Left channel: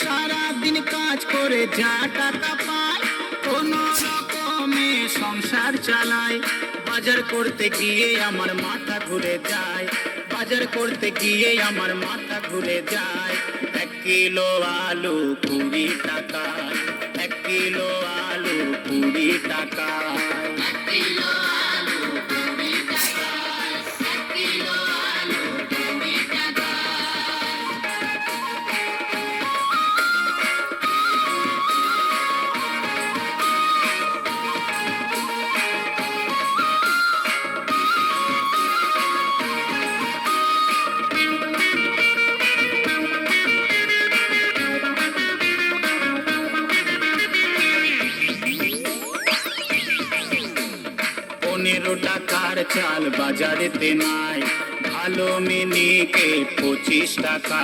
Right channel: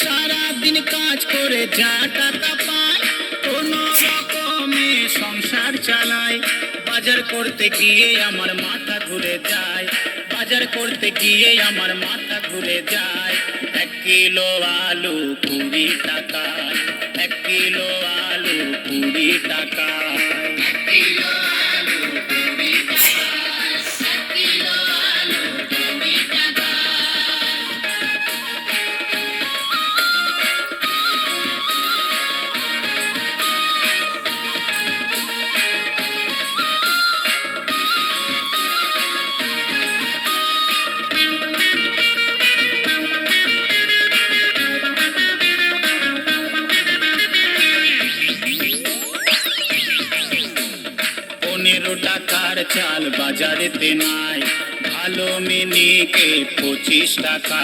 সারাদিন কাজ করে যা টাকা পায়, কোন রকমে সংসার চালায়। বাজার করতে গিয়ে আমার মাথা ঘুরে যায়, বাজার করতে গিয়ে আমার মাথা ঘুরে যায়। এক কিলো আলু কুড়ি টাকা, এক কিলো আলু কুড়ি টাকা। এক কিলো পনেরো টাকার চাল বাজারেতে নাই। ভালো মিনিকে পঁচিশ টাকা।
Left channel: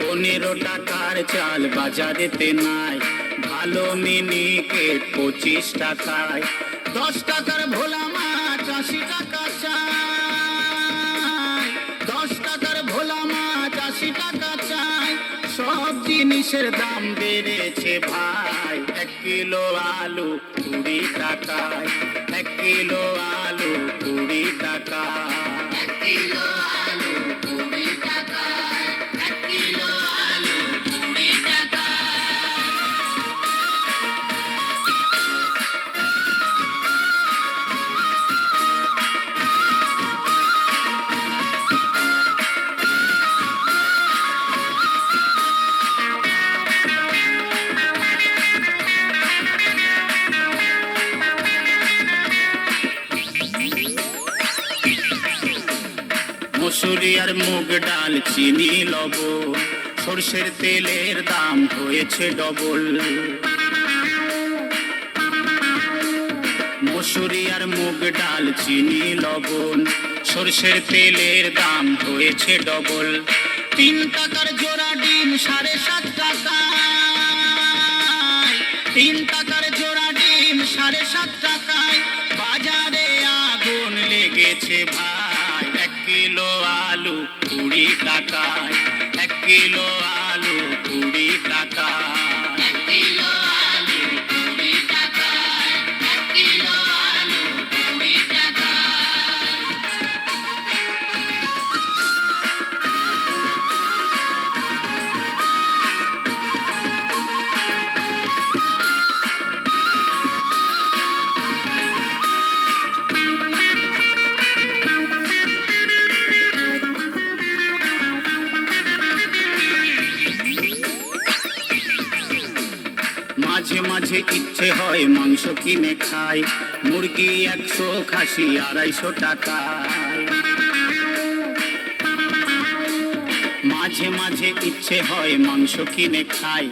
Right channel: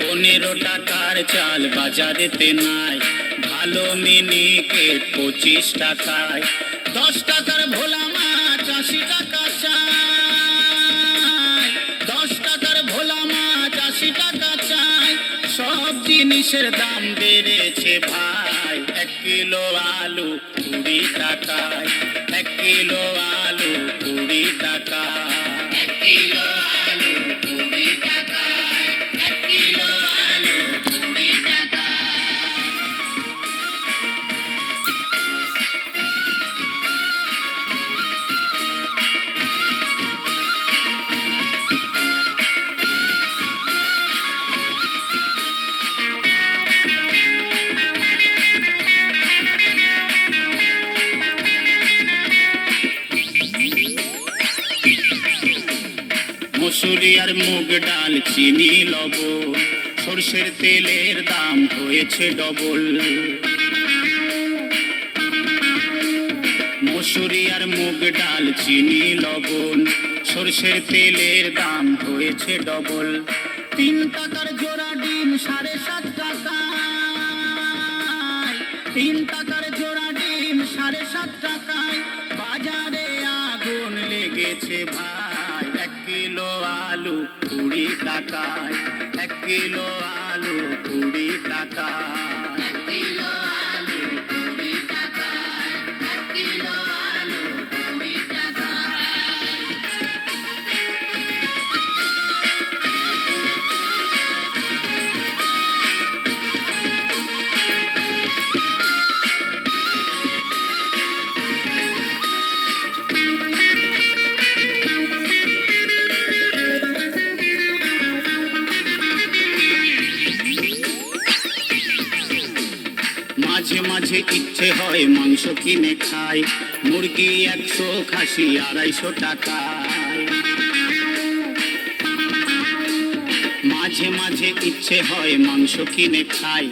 পনেরো টাকার চাল বাজারেতে নাই। ভালো মিনিকে পঁচিশ টাকায়। দশ টাকার ভোলা মাছ, আশি টাকা চাই দশ টাকার ভোলা মাছ, আশি টাকা চাই সব জিনিসের দাম বেড়েছে ভাই। এক কিলো আলু মসুরি আর মুগ ডাল, চিনি লব সর্ষের তেলের দাম হয়েছে ডবল। মসুরি আর মুগ ডাল, চিনি, লবণ। সর্ষের তেলের দাম হয়েছে ডবল। তিন টাকার জোড়া ডিম, সাড়ে সাত টাকা তিন টাকার জোড়া ডিম, সাড়ে সাত টাকায়। বাজারে আগুন লেগেছে ভাই। আলু কুড়ি টাকায় এক কিলো আলু কুড়ি টাকায় মাঝে ইচ্ছে হয়, মাংস কিনে খাই মুরগি একশো খাসি আড়াইশো টাকায়। মাঝে মাঝে ইচ্ছে হয় মাংস কিনে খাই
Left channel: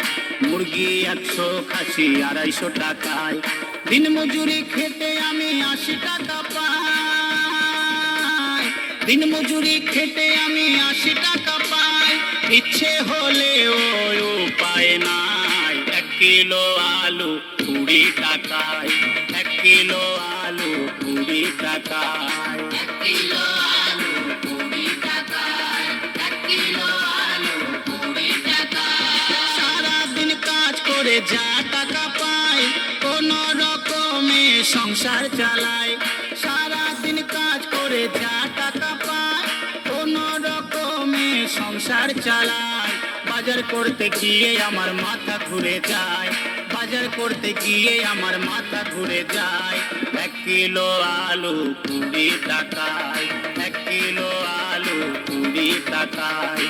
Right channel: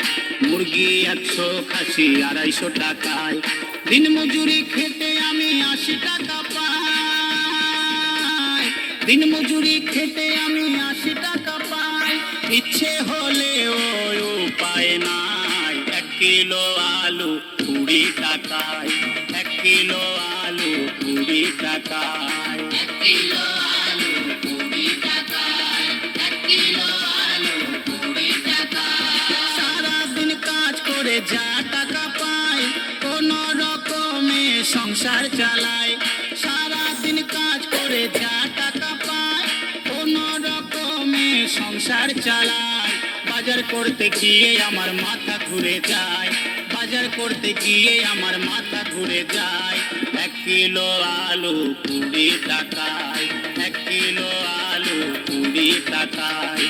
মুরগি একশো খাসি আড়াইশো টাকায়। দিন মজুরি খেতে আমি আশি টাকা পাই। দিন মজুরি খেতে আমি আশি টাকা পাই। ইচ্ছে হলে কিলো আলু কুড়ি টাকায়, এক কিলো আলু কুড়ি টাকায়। সারাদিন কাজ করে যা টাকা পাই, কোন রকমে সংসার চালায় সারাদিন কাজ করে যা টাকা পাই, কোন রকমে সংসার চালায় বাজার করতে গিয়ে আমার মাথা ঘুরে যায়। বাজার করতে গিয়ে আমার মাথা ঘুরে যায়। এক কিলো আলু কুড়ি টাকায়, এক কিলো আলু কুড়ি টাকায়